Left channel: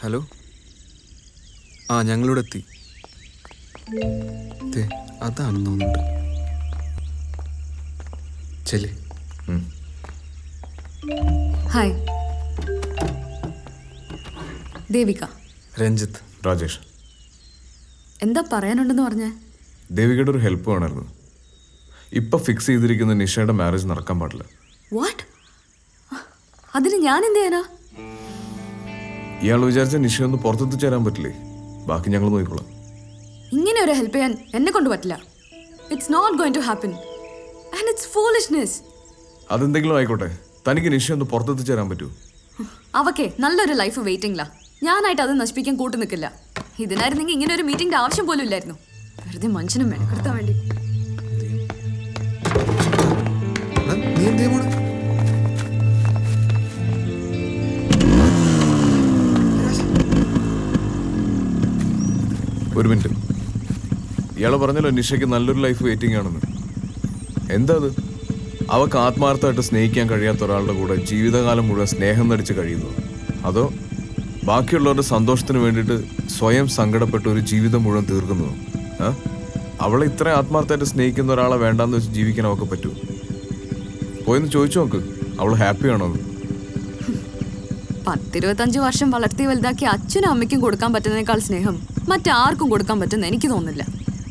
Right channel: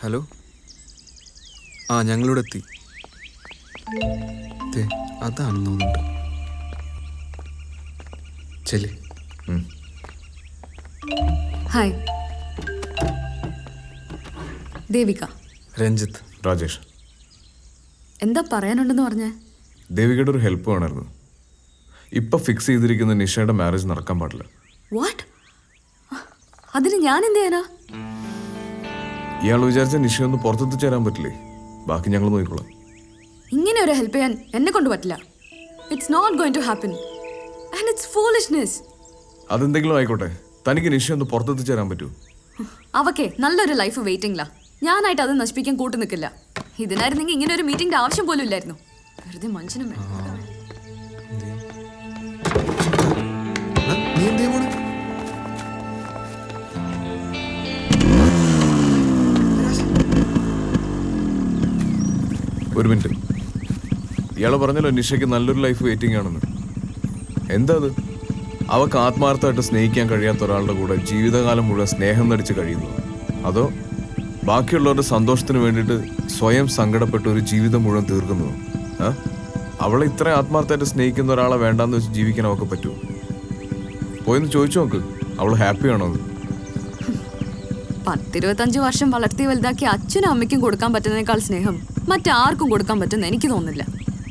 Hello. ആ ഞങ്ങളിവിടെ എത്തി. അതാണെന്ന് തോന്നുന്നുണ്ട്. ചെല്. ഹായ്, ദേവിക. രഞ്ജിത്ത്. രാജേഷ്. എന്താ പറയാനുണ്ടെന്ന് പറഞ്ഞേ? ദേവികയുടെ ഒരു ഹെൽപ്പ് വേണമായിരുന്നു. ഇപ്പം ഫിക്സ് ചെയ്തിരിക്കുന്ന നിഷയുടെ മാരേജ് നടക്കാൻ പാടില്ല. വാട്ട്? അതിന് ഞാൻ എന്ത് ചെയ്യാനാ? ഇയാൾ വിചാരിച്ച നിഷയൊന്ന് പുറത്തെത്തി ചേരാൻ പറ്റില്ലേ? ബാക്കി ഞങ്ങൾ നോക്കിക്കോളാം. ഇങ്ങനെ ഒരു ഹെൽപ്പ് ചെയ്യാൻ എന്നെ കൊണ്ട് പറ്റില്ല. It's not going to happen and it's foolishness. അതെന്തെങ്കിലും ആയിക്കോട്ടെ, തനിക്ക് നിഷയൊന്ന് പുറത്തെത്തി ചേരാൻ പറ്റൂ? അവക്കെ നല്ലൊരു ലൈഫ് വെയിറ്റിംഗിലാ. ഞാനായിട്ട് അത് നശിപ്പിക്കാൻ കൂട്ടു നിൽക്കില്ല. ഇതിനായിരുന്നെങ്കിൽ ഇങ്ങനെ ഒരു മീറ്റിംഗിന്റെ ആവശ്യം പോലും ഇല്ലായിരുന്നു. വെറുതെ മനുഷ്യനും മെനക്കെടുത്താൻ വേണ്ടി. നീ എന്തേ പോണെ? ഒരു മിനിറ്റ്. ഇയാൾ പറഞ്ഞല്ലോ നിഷയ്ക്ക് നല്ലൊരു ലൈഫ് വെയിറ്റിംഗ് ആണെന്ന്. എന്താ അത്? അവൾക്ക് ആത്മാർത്ഥമായിട്ട് സ്നേഹിക്കാൻ കഴിയാത്ത ഒരാളുടെ കൂടെ ജീവിതകാലം മുഴുവൻ സ്നേഹം നടിച്ച് കഴിയുന്നു? അതോ ബാക്കിയുള്ളവരുടെ സന്തോഷത്തിന് വേണ്ടിയിട്ട് സ്വയം സങ്കടപ്പെട്ട് ഒരു ജീവിതം മുഴുവൻ തീർക്കുന്നതോ? അവളെ ഇത്ര ആത്മാർത്ഥമായിട്ട് സ്നേഹിക്കുന്ന ഒരാളെ വേണ്ടാന്ന് വെച്ച് ജീവിക്കാൻ അവൾക്ക് പറ്റൂ? പോയെന്ന് ചോദിച്ചു നോക്ക്, അവൾ ഹാപ്പിയാണോ അത്? 10-25 വർഷം വളർത്തി വലുതാക്കി അച്ഛനും അമ്മയ്ക്കും കൊടുക്കാൻ പറ്റുന്നതിനേക്കാൾ സ്നേഹം മറ്റാർക്കും കൊടുക്കാൻ പറ്റുന്ന എനിക്ക് തോന്നുന്നില്ല.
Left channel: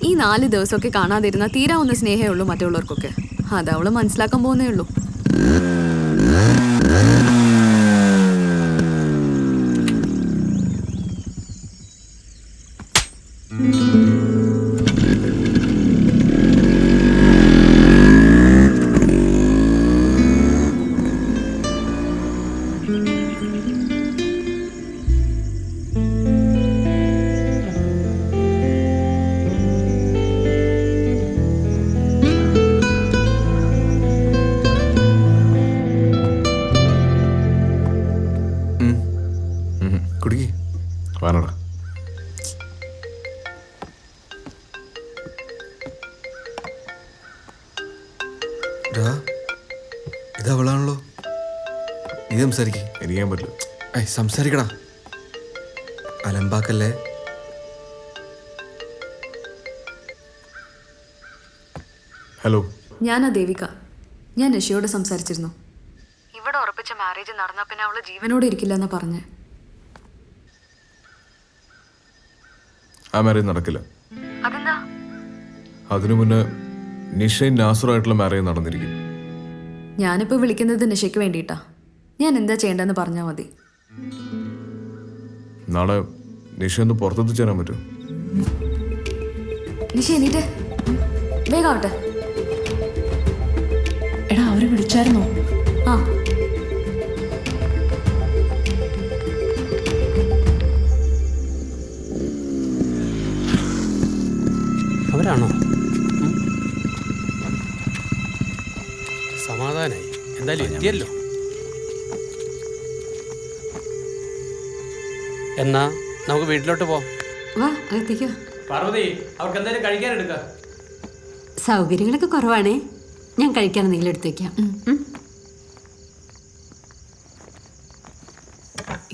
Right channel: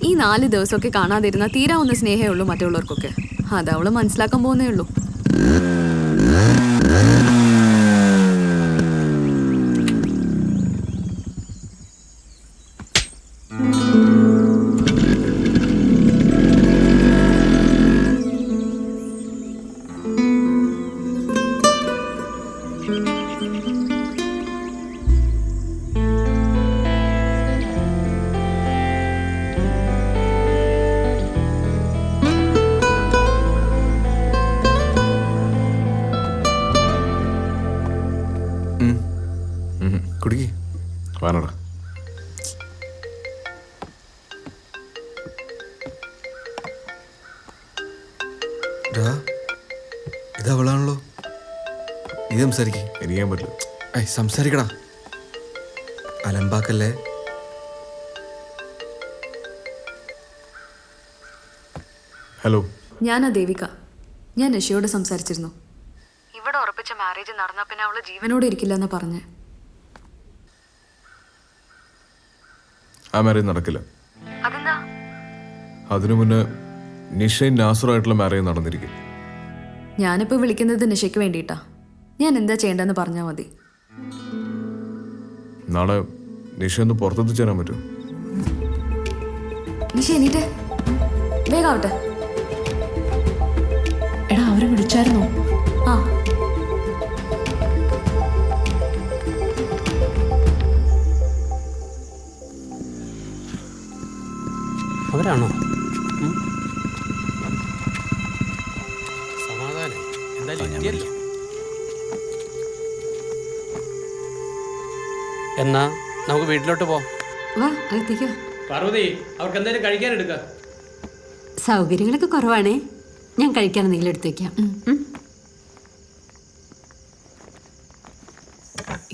ഈ 4 ദിവസമൊക്കെ കാണാതിരുന്ന തീരാവുന്ന സ്നേഹമേ ഉള്ളൂ മറ്റുള്ളവർക്കൊക്കെ. അത് അവള് മനസ്സിലാക്കാൻ പോകുന്നേ ഉള്ളൂ. കുടുക്കി വാനടാ. ഇത് അവളാണല്ലോ. നീ സംസാരിക്കേ. എനിക്കാൻ പറ്റില്ല. സംസാരിക്കടാ, അലമ്പാക്കല്ലേ. ഹലോ, ഞാനാ ദേവിക. ഞാൻ നിഷയോട് സംസാരിച്ചിരുന്നു. ഇവിടെ ഉറപ്പിച്ച മാരേജ് നടന്ന പിന്നെ അവള് ജീവനോടെ ഇരിക്കില്ലെന്നാ പറഞ്ഞേ. ആ മാരേജ് നടക്കില്ല. അതെന്താ? അതിനു മുന്നേ നിഷയും നാസറുമായിട്ടുള്ള മാരേജ് നടന്നിരിക്കും. ഞാനിപ്പോൾ വിളിക്കുന്നത് നിഷയ്ക്ക് വേണ്ടിയിട്ടാ. ഞാൻ എന്താ ചെയ്യേണ്ടതെന്ന് പറഞ്ഞാൽ മതി. നാളെ നിഷയൊന്ന് പുറത്തെത്തി ചേരാൻ പറ്റുമോ? നിഷ എണീറ്റ്, വേഗാവട്ടെ. എടാ, അവരെ വിളിച്ചായിരുന്നോ? ആ, അവരാണോ? സമാധാനായി. എന്തായാലും എത്തിയല്ലോ. എന്നാ നമുക്ക് വീട്ടിലോട്ട് പോവാം. വാ, അകത്തേക്ക്. പാർവതി, അവർക്ക് എന്തായാലും കഴിക്കാൻ എടുക്ക. സൗകര്യങ്ങളൊക്കെ കുറവാണേ. ഞാൻ കഴിക്കാൻ എന്തെങ്കിലും എടുത്തു വെക്കാം.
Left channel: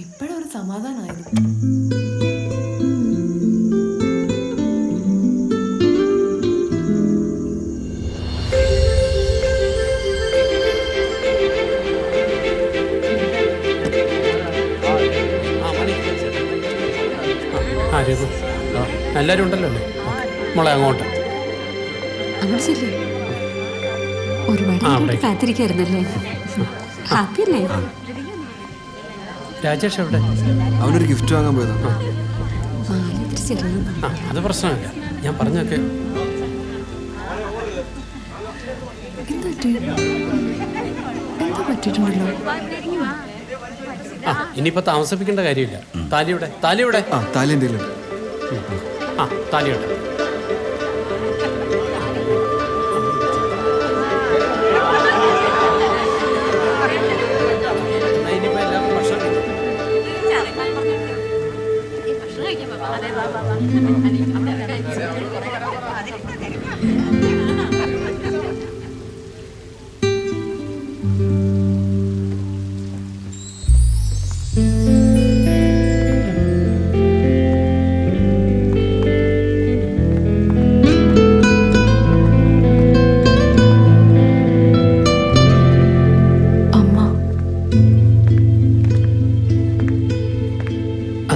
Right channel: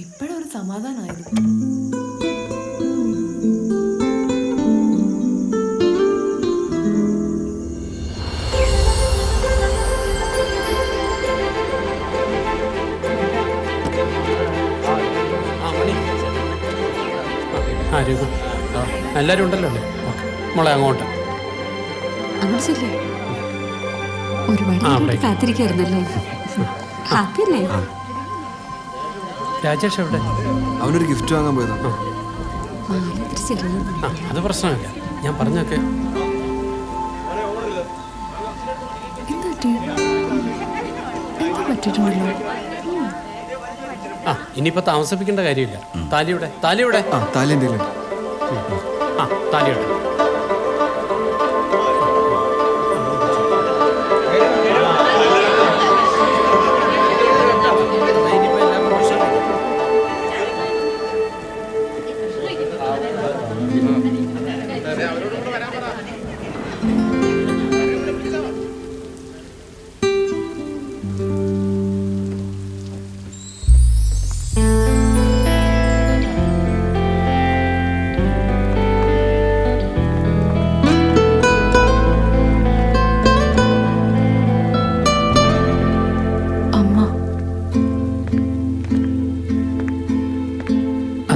ഇപ്പോഴൊരു സമാധാനമായിരുന്നു. എല്ലാരും ഉണ്ടല്ലോ അല്ലേ? മോളെ അങ്ങോട്ട് അങ്ങോട്ട് ചെല്ലേ. ഒരുപാട് കാത്തിരിക്കായിരുന്നല്ലേ? ഹാപ്പി അല്ലേ? രാജേഷ് എവിടെ? അവനൊരു ഗിഫ്റ്റ് വാങ്ങാൻ പോയതാ. അത് പ്രശ്നമില്ല, ഞാൻ പറഞ്ഞൊക്കെ. ഇനിയിപ്പോ താമസിപ്പിക്കേണ്ട കാര്യമില്ല. താലിയുടെ താലിയുടെ താലി എന്തെങ്കിലും. താലിയുടെ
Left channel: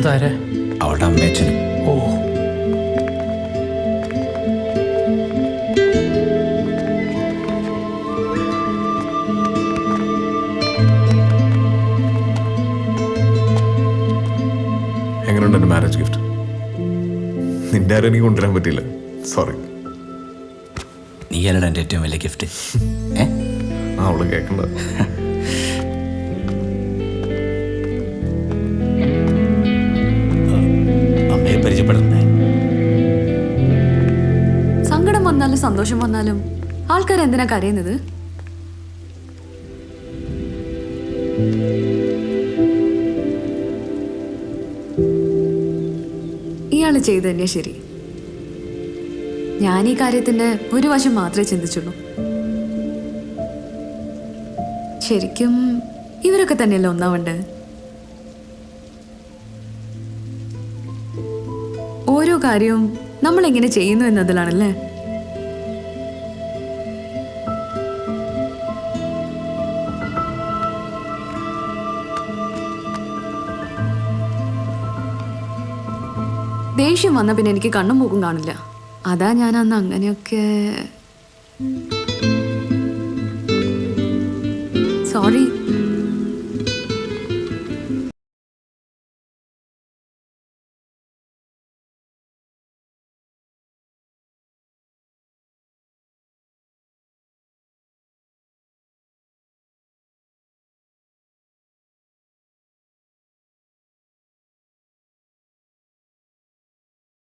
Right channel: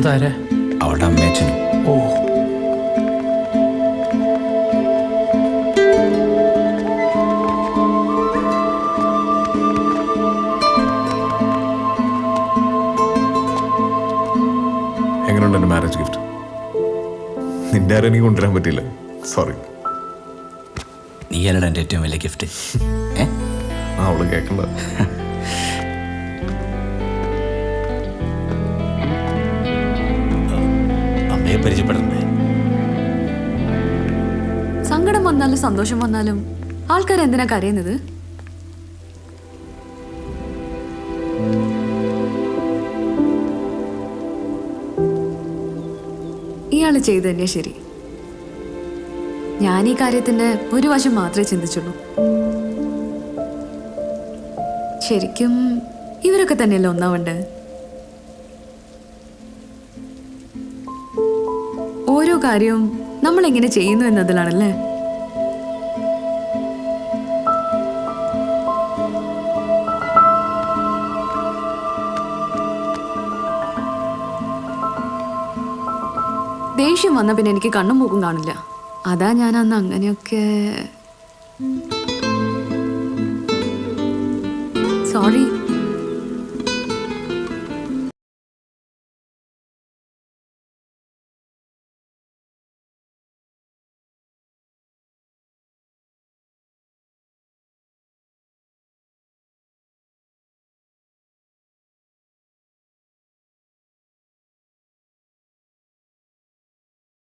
അതാരാ? അവളുടെ അമ്മയച്ഛനും. ഓ, എങ്ങനെയുണ്ട് എൻ്റെ മാരേജ് ഗിഫ്റ്റ്? നിന്റെ ആരും എനിക്ക് കൊണ്ടുവരാൻ പറ്റില്ല, സോറി. നീ അല്ലടാ എൻ്റെ ഏറ്റവും വലിയ ഗിഫ്റ്റ്. അവള് കേൾക്കണ്ട. അമ്മയെ പരിചയപ്പെടണ്ടേ? സങ്കടം വന്നാലും സന്തോഷം വന്നാലും ആൾക്കാർ എന്തിനാ കരയുന്നത്? ഇയാള് ചെയ്ത് തന്നെയാ ശരി. ഞാൻ ഈ കാര്യത്തിന്റെ ഒരു വശം മാത്രമേ ചിന്തിച്ചുള്ളൂ. ശരിക്കും ഇവരൊക്കെ തന്നെയല്ലേ ഒന്നാവണ്ടേ? ഓരോ കാര്യവും നമ്മൾ എങ്ങനെ ചെയ്യുന്നു എന്നതിലാണല്ലേ. ദേഷ്യം വന്ന പിന്നെ എനിക്ക് കണ്ണും മൂക്കും കാണില്ല. അതാ ഞാൻ അന്ന് അങ്ങനെയൊക്കെ. സോറി.